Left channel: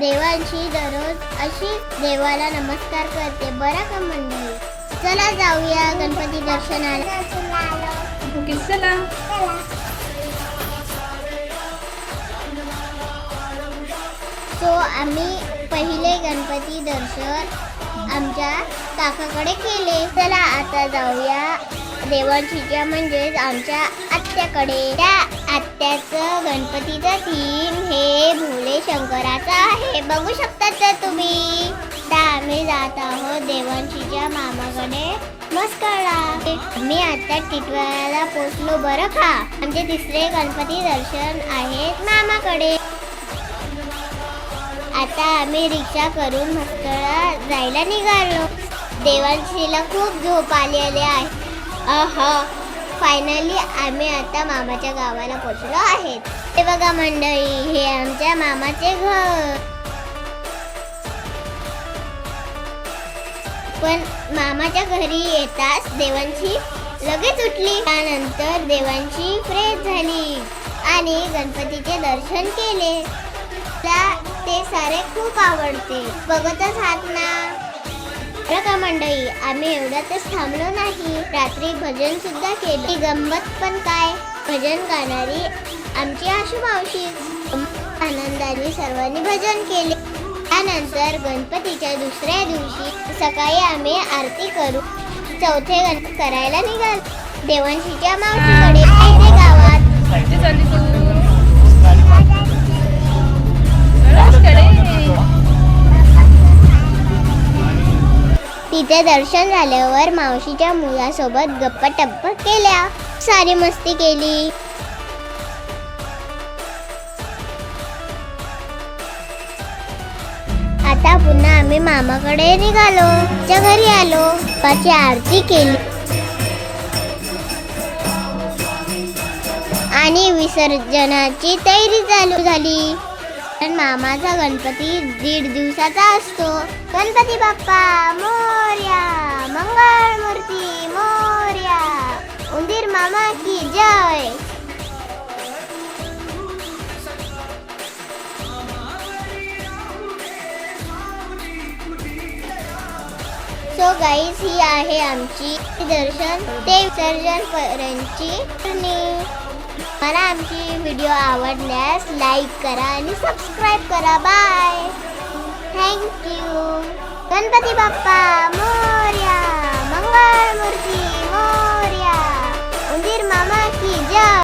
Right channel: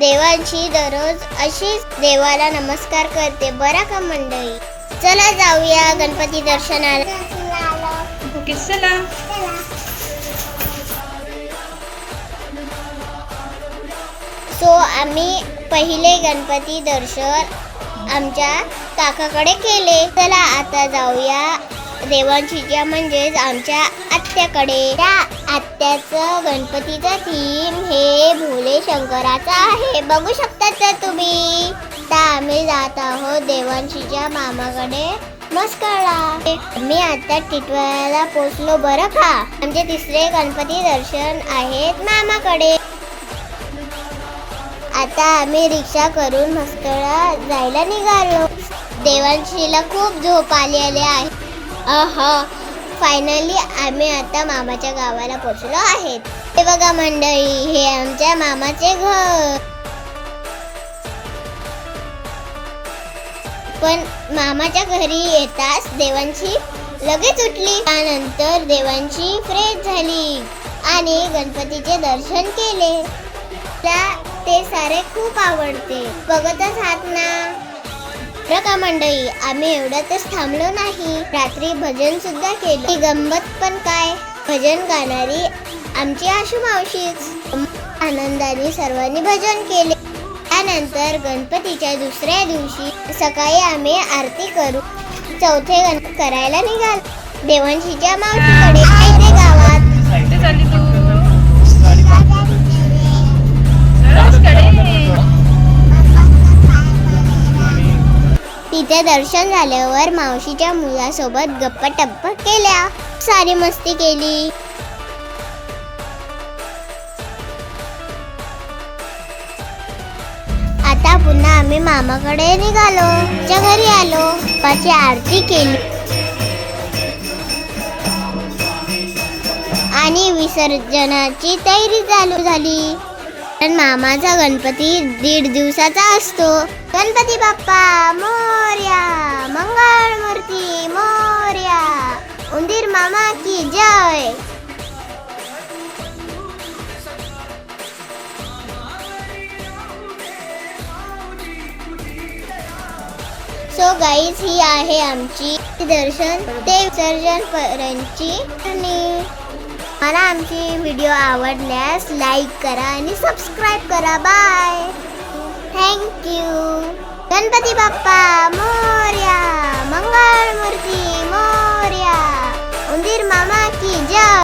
देवांची दररोज अशीच देवाला नमस्कार करते बरं का मंडळी. चला जाऊया गणपती दर्शनाला. चला. सो आम्ही पहिले गणपती दर्शन आमच्या काकाकडे केले. चला आता जाऊया देवांशीच्या म्हणजेच आमच्या आत्याकडे. त्या आत्याचं गणपतीचा थीम हे भोले शंकराचा आहे, बघू शकतात तर तुम्ही. तर आम्ही जात आहोत देवांशीच्या मामाकडे मस्कळला. मी आता टिटवाळ्याला पोचलो बरं का. आमचे तिसरे गणपती दर्शन आहेत मामाकडे. आता आम्ही रिक्षा करून मस्कळला जायला निघालो. देवांशीला खूप झोप आलेली आहे. फायनली आम्ही आता मामाच्या गावाला पोहोचलो आहेत. हे बघा मंडळी, हे आमच्या मामाचे घर. पण मामाच्या घरी येताच देवांशी लगेच उठली. त्यानंतर देवांशी फ्रेश झाली आणि गणपतीचे दर्शन केले. ते सारे खूप आवडते, बघतच आहात ना. बघा मंडळी, आम्ही एवढ्यातच थांबलो नाही, रात्री भजन सुद्धा केले. गंमत पण काय, भजन गाणारी आमची आशू मावशीच. आनंदाने सर्वांनी भजन केले. त्यानंतर गणपतीच्या दुसऱ्या दिवशी सकाळी आम्ही आरती करू चौथे गणपती करायला निघालो देवांशीच्या मावशीकडे. गावात तिथे दर्शन झाल्यावर मावशीच्या मुलासोबत गप्पा टप्पा केल्या, सारी मस्ती केली. आता पुन्हा आम्ही मामाकडे निघालो. च्या घरी आलो, बाप्पाची आरती केली आणि विसर्जनाची तयारी चालू झाली. पण मामाचा गणपती 1.5 दिवसाचा असतो. गणपती बाप्पा मोरया, मंगळमूर्ती मोरया, उंदीर मामा की जय. सो गाईज, ही आहे आमची दर्शन ते विसर्जन पर्यंतची. आणि मला आमची व्हिडिओ आवडल्यास लाईक करा आणि सबस्क्राईब करा. Bye, thank you. गणपती बाप्पा मोरया, मंगळमूर्ती मोरया, उंदीर मामा की जय.